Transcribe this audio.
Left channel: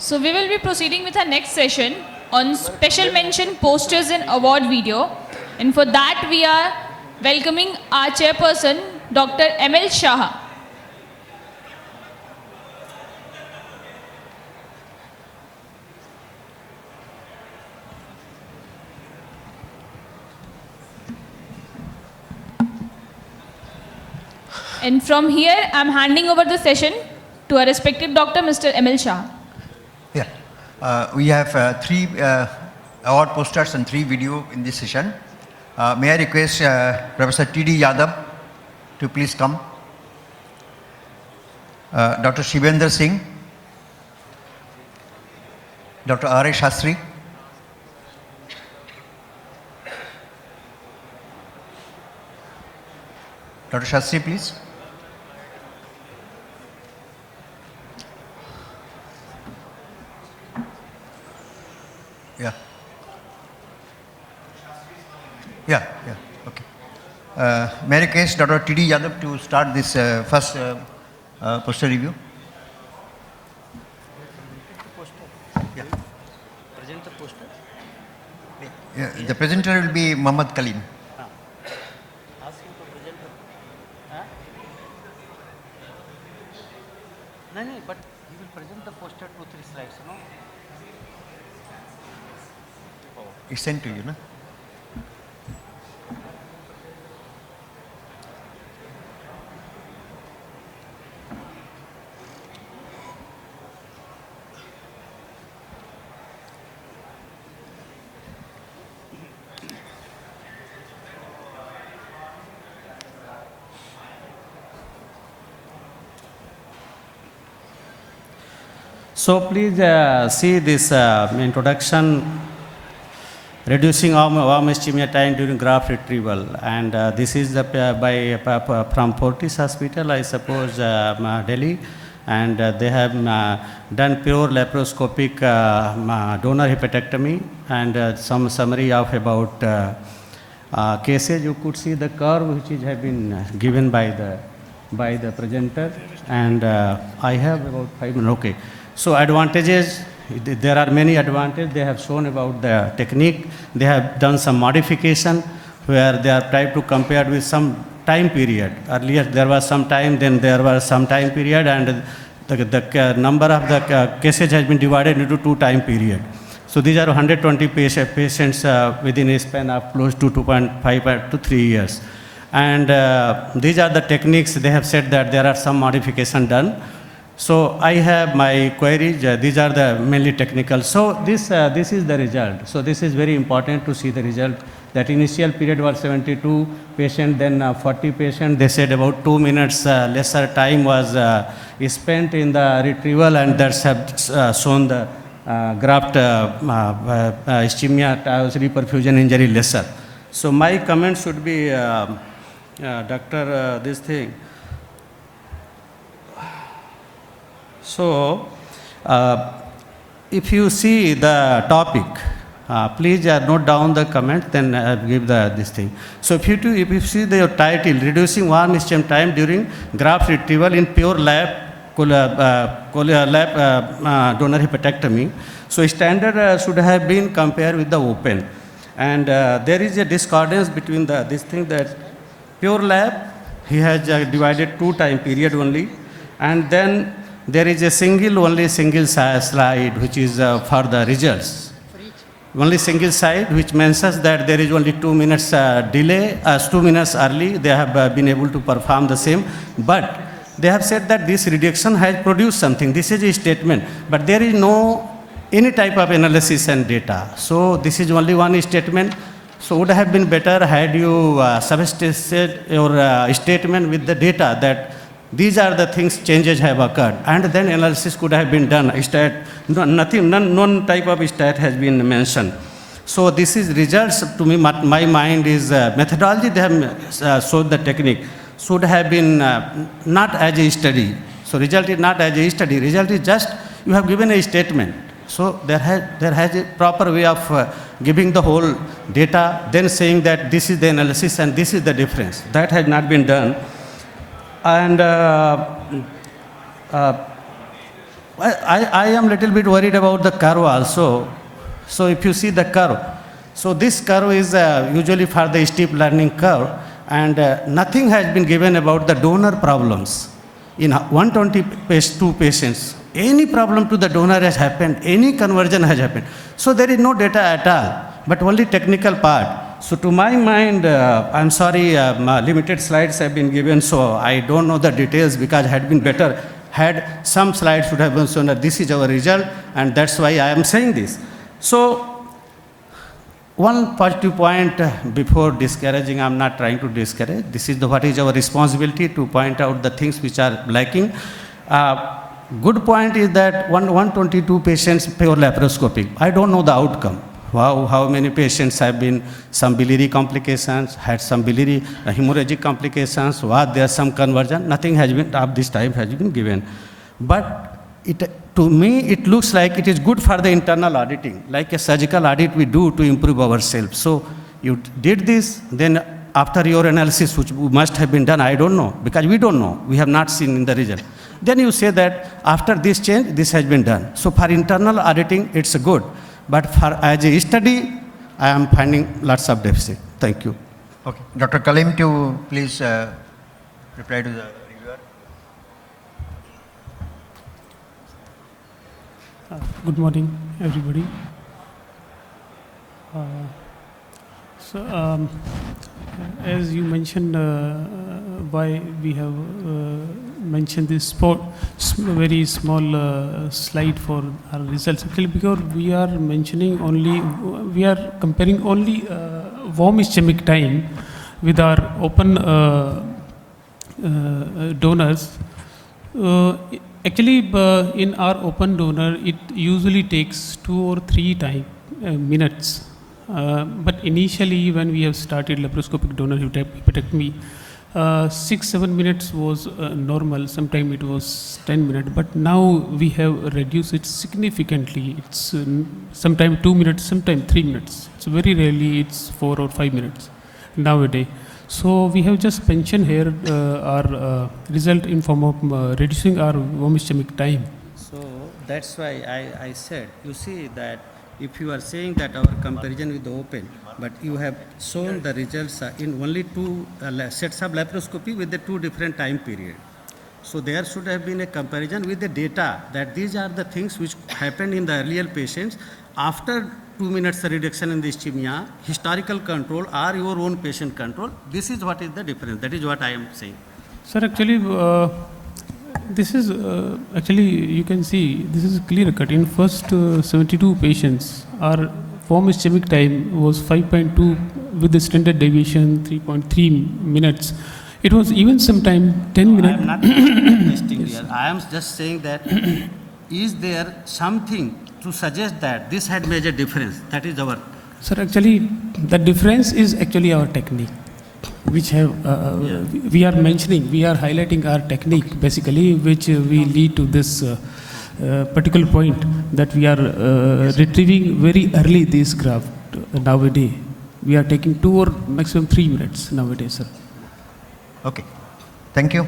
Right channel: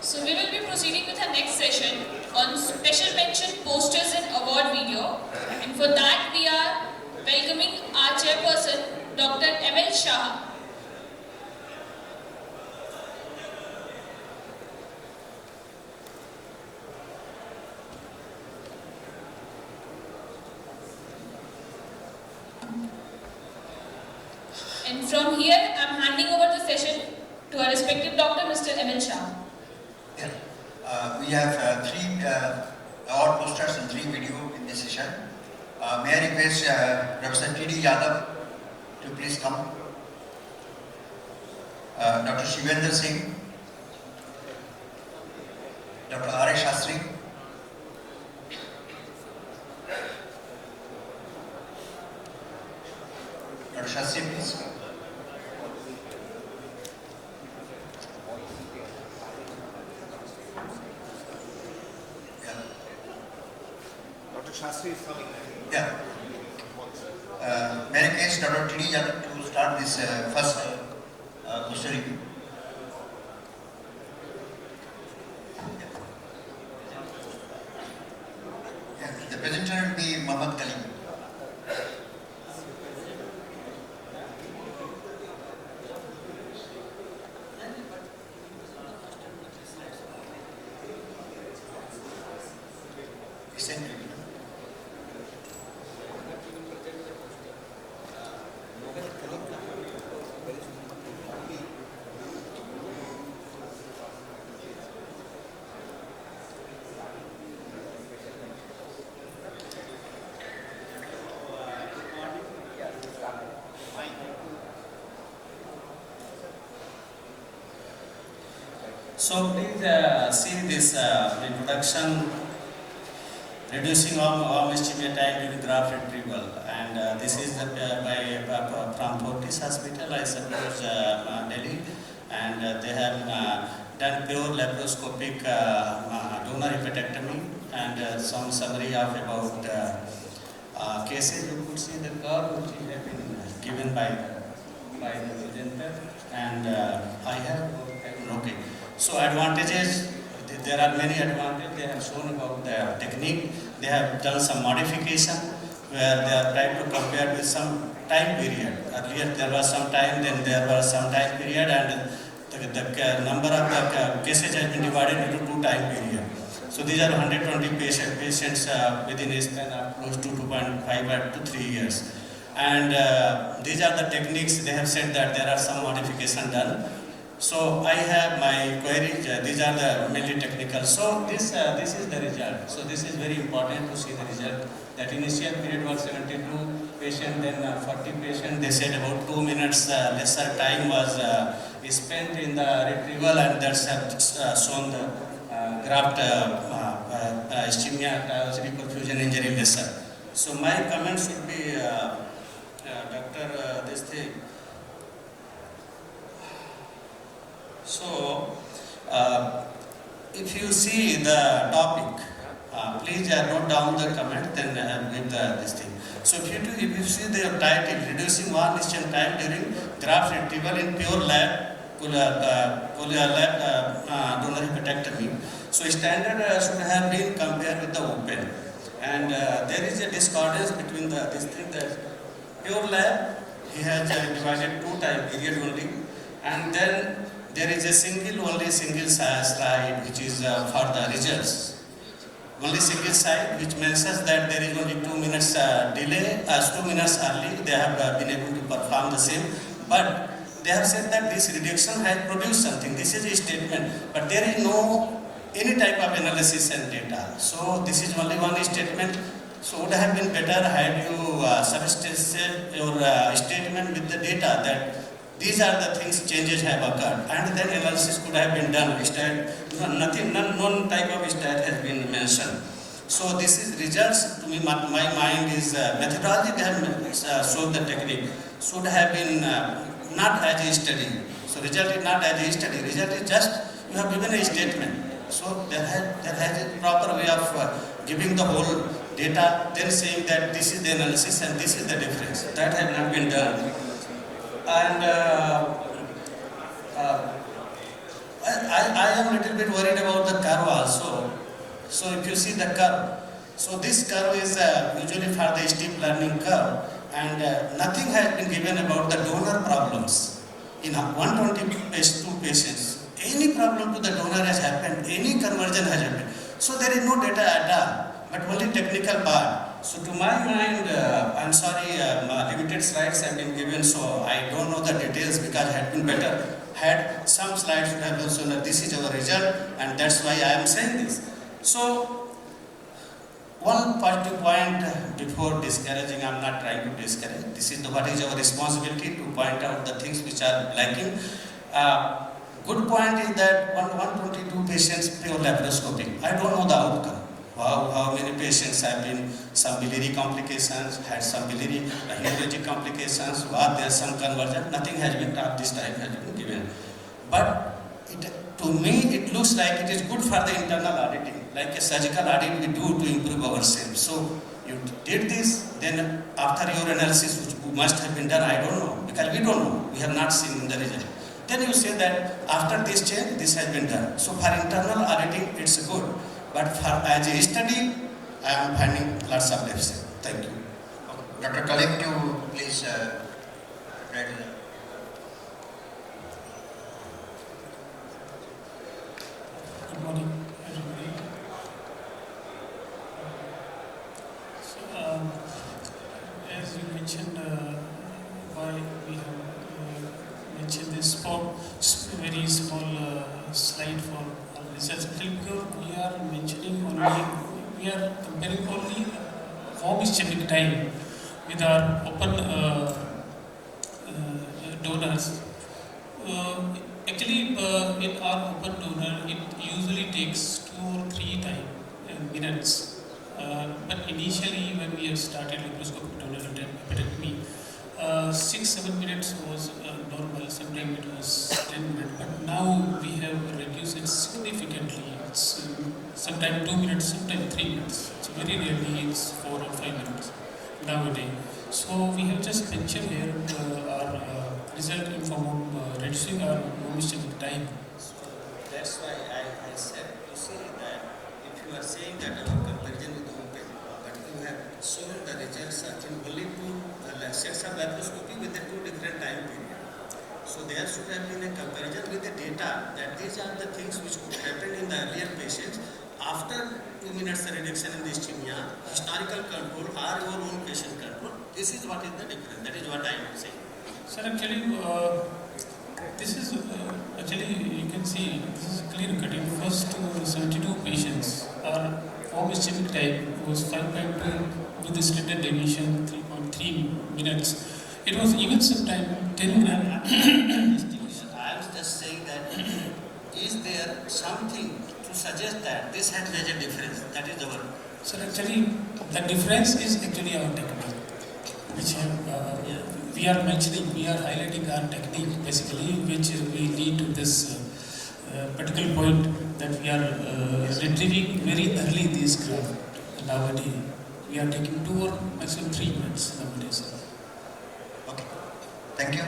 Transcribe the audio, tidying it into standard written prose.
So we will be proceeding with our next session on special mention posters and award video. And for that we are welcoming our chairperson, Dr. M.L. Saha. And from here, I am handing over the session to our respected Dr. Mr. M.L. Shah. Yeah, we have three award posters and 3 video in this session. May I request Professor T.D. Yadav to please come. Dr. Shivendra Singh, Dr. R.A. Sastry, Dr. Sastry, please. Yeah. Dr. Sastry is coming. Yeah, okay. May I request Dr. T.D. Yadav to start this first poster review? Yeah, the presenter will be Muhammad Kaleem. But he will present the poster 2-3 slides, no? It's sent to you, no? So please see this introduction, reducing warm ischemia time during graft retrieval, and this is the from Fortis Hospital, I suppose, Delhi, and they have done pure laparoscopic donor hepatectomy, and some summary of about cases. You could see the curve which has been given by the presenter, and I have about 5 minutes. Okay. So advantages, there are many advantages. They have shown about the technique. They have done some modification where they have tried to compare with some time period. Earlier there was some time, then there was some time period, and the number of the cases has been divided into 2 time periods. So these are 120 patients within a span of close to 2.5 to 3 years. And these are the techniques. They have said that there are some modification done. So I have my queries. These are the mainly technical. So this is the result. So this is very important to see the result. That initial period was 72 patients, then 40 patients. They said about 2 minutes lesser time was spent in the retrieval, and that's have shown the graft ischemia reperfusion injury lesser. So my comment should be, Doctor, this thing. So, if you see the topic, please note down the comment, then give this thing. So, if you see the title, reducing warm ischemic time during graft retrieval in pure lap donor hepatectomy. So, standard should have been compared with the open, and there is a discordance between this thing that pure lap he has divided 2 time period only, and then there is a single slide which is for the results. Only single slide which mentions that there is only 2 minutes delay, 2 minutes early, they have been able to perform the same. But they have said that this reduction has produced something. This is a statement, but there is no any type of analysis and data. So this is only one statement. So would have been better had you substituted your statement with the data that these are the things, changes have occurred, and then analysis could have been done. None type of stat has been mentioned. So this is results. To me, my mind is methodology. They have showed the technique should have been not as a study. So result is not as a study. Result is just you have given a statement. So there has a proper way of giving the whole data, then saying that this is the analysis and this is the difference. That has not been done. And I am little bit worried about the curve also. So if you see the curve, so this curve is usually for the steep learning curve, and nothing has been given about the donor problems. In 122 patients, any problem to the donor has happened, any conversion has happened. So there is no data at all, but only technical part. So to my mind, I'm sorry, limited slides have been given, so I don't know the details, because had been better, had some slides should have been shown that this is our result, and that's why I am saying this. So one positive point before discouraging, I'm not trying to discourage. This is what is our responsibility, to point out the things which are lacking. Good point is that 122 patients pure laparoscopic. I don't know the outcome. Wow, how many patients have been some biliary complications, had some biliary hemorrhagic complications, was there some conversion? Nothing has been of this type has been given. But to me, it looks like it is good for the internal auditing, like a surgical audit we do to improve ourselves. So you did this, then after your analysis, which must have been done, I don't know, because we don't know, we have not seen in the result. Then you say that after this change, this has been done. So for internal auditing, it's good. But for as a study, I am finding lots of deficit. Thank you. Okay. Dr. Kalim, to please reply to the reviewer. Good morning, everybody. As you mentioned, why we have mentioned this very small slide for our results. Actually, because we are mentioning only, we are comparing only warm ischemic time with our open donors. Actually, in our open donor, it usually takes 2 or 3 minutes. But initially, when we have started laparoscopic donor hepatectomy, 6-7 minutes was normal. Sometimes it was 10 minutes. But now we have reduced it significantly. It's sometimes 2 minutes, sometimes 3 minutes. So very rarely it's 4 or 5 minutes nowadays. So we have just mentioned here our result in form of reducing our warm ischemic time. So that's why I said, you see that if you are saying that our comparison with the open, but you have shown the results in only 2 sets of laparoscopy with the 2 different time period. So there should have been a comparison with the data that these are the things which happened in the earlier patients after 2 minutes reduction in the ischemia, historical control or your own patient control. This is what is the difference. That is what I am saying. Sir, actually, this is actually, you can see, this is clear cut. In first 72 patients, our warm ischemic time was 5.2 with the standard deviation 3.3 minutes. It was even sometime 10 minutes. I am not suggesting here. I am just saying that is there something to suggest that this had made a difference? That is our. Sir, actually, the difference is actually our technique, which have we are mentioning, we are highlighting our technique basically, which we lead to this particular point that we are retrieving very early this graft nowadays. We are taking 2 or maximum 3 minutes nowadays, sir. Okay. Thank you.